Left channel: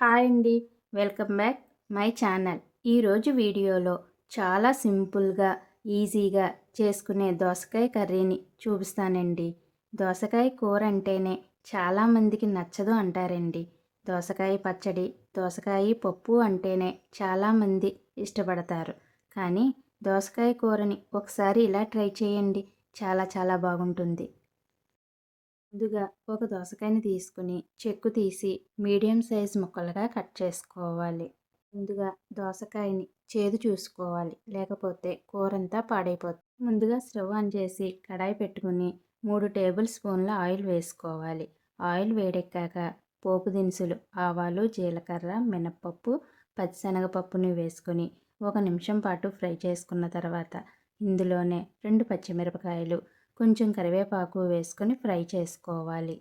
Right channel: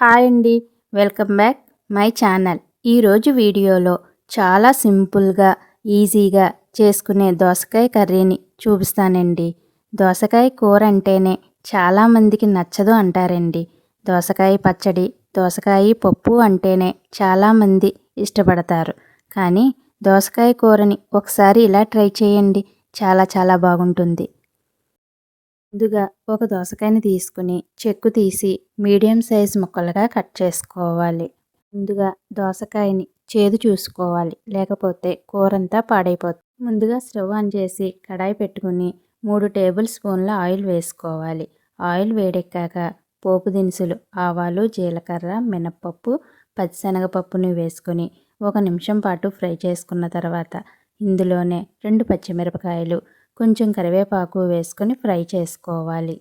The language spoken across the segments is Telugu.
హాయ్ అండి. Welcome back my channel. ఈరోజు వీడియోలో చాలా సింపుల్గా ఈజీగా చేసుకునే దోసకాయ కర్రీని చూపిస్తానండి. దోసకాయ కూర అంటేనే చాలామందికి నచ్చదు అంటారండి. దోసకాయ పచ్చడి దోసకాయ పప్పు అంటేనే చాలామంది ఇష్టపడతారు. కానీ దోసకాయ కూరని ఒకసారి ఇలా ట్రై చేయండి. చాలా చాలా బాగుంటుంది. ముందుగా ఒక దోసకాయని తీసుకుని చెక్కు తీసి మీడియం సైజ్ ముక్కలుగా కట్ చేసుకోవాలి. ముందుగా దోసకాయని చేదు చూసుకోవాలి. లేకపోతే కూరంతా పాడైపోతుంది. ముందుగా స్టవ్ ఆన్ చేసి కడాయి పెట్టుకుని మూడు టేబుల్ స్పూన్ల ఆయిల్ వేసుకోవాలి. ఆయిల్ వేడెక్కాక పోపు దినుసులు ఆవాలు జీలకర్ర మినప్పప్పు పచ్చిశనగపప్పుని వేసుకొని ఒక నిమిషం పాటు ఫ్రై చేసుకున్న తర్వాత ఇందులోనే రెండు పచ్చిమిరపకాయలు కొంచెం కరివేపాకు వేసుకొని ఫ్రై చేసుకోవాలి.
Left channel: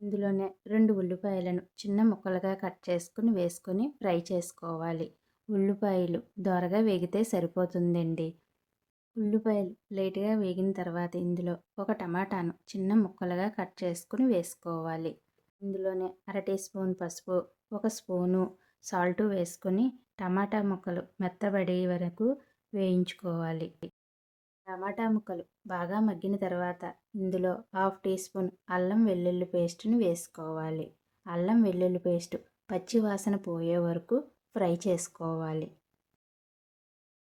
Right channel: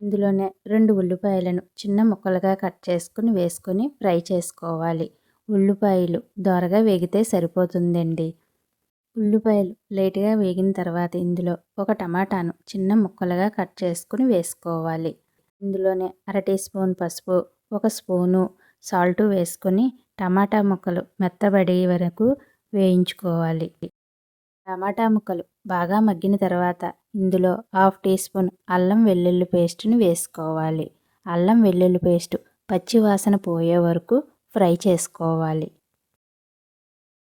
ఇందులోనే రెండు ఉల్లిపాయలను చిన్న ముక్కలుగా కట్ చేసుకుని వేసుకొని ఫ్రై చేసుకోవాలి. ఉల్లిపాయలు దోరగా వేగితే సరిపోతుందండి. ఉల్లిపాయలు లేటుగా వేగిన తర్వాత ఇందులో ఒక టమాటాను చిన్న ముక్కలుగా కట్ చేసుకుని వేసుకోవాలి. ఇందులోనే అర టీ స్పూన్ పసుపు ఒక స్పూను సాల్ట్ వేసుకొని టమాటా ముక్కలు మెత్తబడే వరకు వేయించుకోవాలి. టమాటా ముక్కలు బాగా మగ్గిన తర్వాత ఇందులో హాఫ్ టీ స్పూన్ అల్లం వెల్లుల్లి పేస్ట్ని వేసుకోవాలి. అల్లం వెల్లుల్లి పేస్ట్ పచ్చి వాసన పోయే వరకు ఫ్రై చేసుకోవాలి.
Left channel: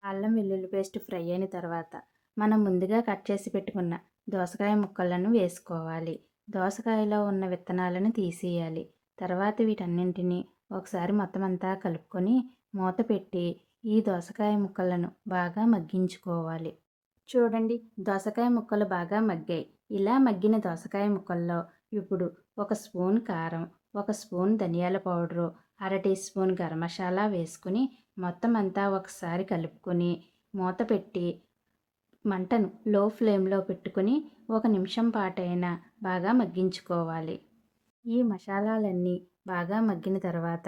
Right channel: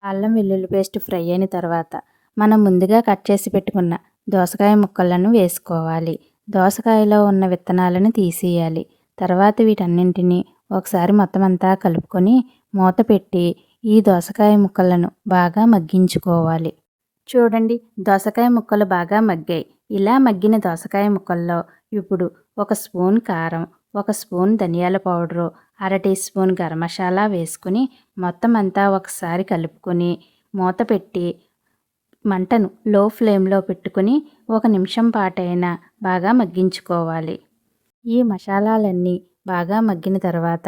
అల్లం వెల్లుల్లి పేస్ట్ ఫ్రై అయిన తర్వాత మనం ముందుగా కట్ చేసి పెట్టుకున్న దోసకాయ ముక్కలను వేసుకోవాలి. దోసకాయలో ఉన్న విత్తనాలను తీసేయాలి. తర్వాత వీటన్నింటినీ ఒకసారి మొత్తం అంతా కలుపుకొని మూత పెట్టి ఈ దోసకాయ ముక్కలను బాగా మగ్గించుకోవాలి. చూడండి దోసకాయ ముక్కలు బాగా మగ్గాయి. ఇలా మగ్గిన దోసకాయ ముక్కల్లో ఇప్పుడు ఒక స్పూన్ కారం ఒక స్పూన్ ధనియాల పౌడరు అర టీ స్పూన్ గరం మసాలా వేసుకుని మొత్తం అంతా ఒకసారి కలుపుకొని మూత పెట్టి మంటను లో ఫ్లేమ్లో పెట్టుకుని ఒక నిమిషం పాటైనా బాగా మగ్గించుకోవాలి. ఈ మసాలాలన్నీ బాగా మగ్గిన తర్వాత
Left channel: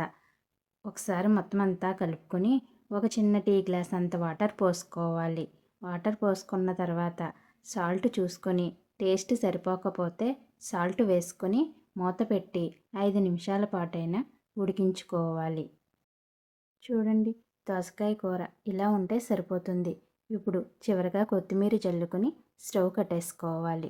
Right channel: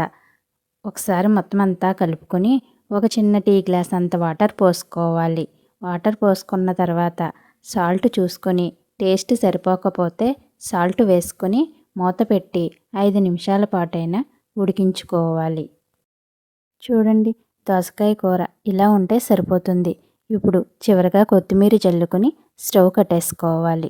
ఒకసారి మొత్తం అంతా కలుపుకొని ఒక చిన్న టీ గ్లాస్ అంత వాటర్ పోసుకోవాలి. వాటర్ పోసుకున్న తర్వాత సాల్ట్ చూసుకొని టేస్ట్ సరిపోకపోతే సాల్ట్ వేసుకొని మూత పెట్టి ఐదు నిమిషాల పాటైనా ఉడికించుకోవాలి. చూడండి దోసకాయ కూర ఇలా ఉంటే సరిపోతుంది. ఇప్పుడు చివరిగా కొత్తిమీర చల్లుకొని స్టవ్ కట్టేసుకోవాలి.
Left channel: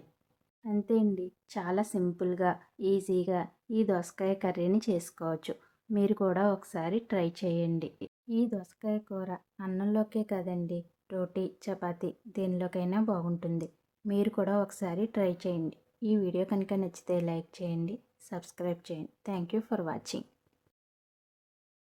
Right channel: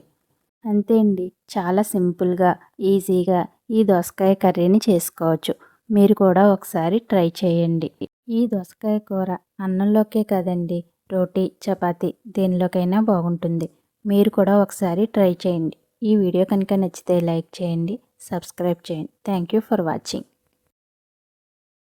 అంతే అండి చాలా సింపుల్గా ఈజీగా ఈ దోసకాయ కర్రీని చేసుకోవచ్చు. మీరు కూడా ఒకసారి ట్రై చేయండి. ఈ దోసకాయ కూర అన్నంలోకే కదండి రోటీ చపాతీ దేనిలోకైనా బాగుంటుంది. మీరు కూడా ఒకసారి ట్రై చేయండి. ఈ వీడియో కనుక నచ్చితే లైక్ చేయండి సబ్స్క్రైబ్ చేయండి. Thank you for watching.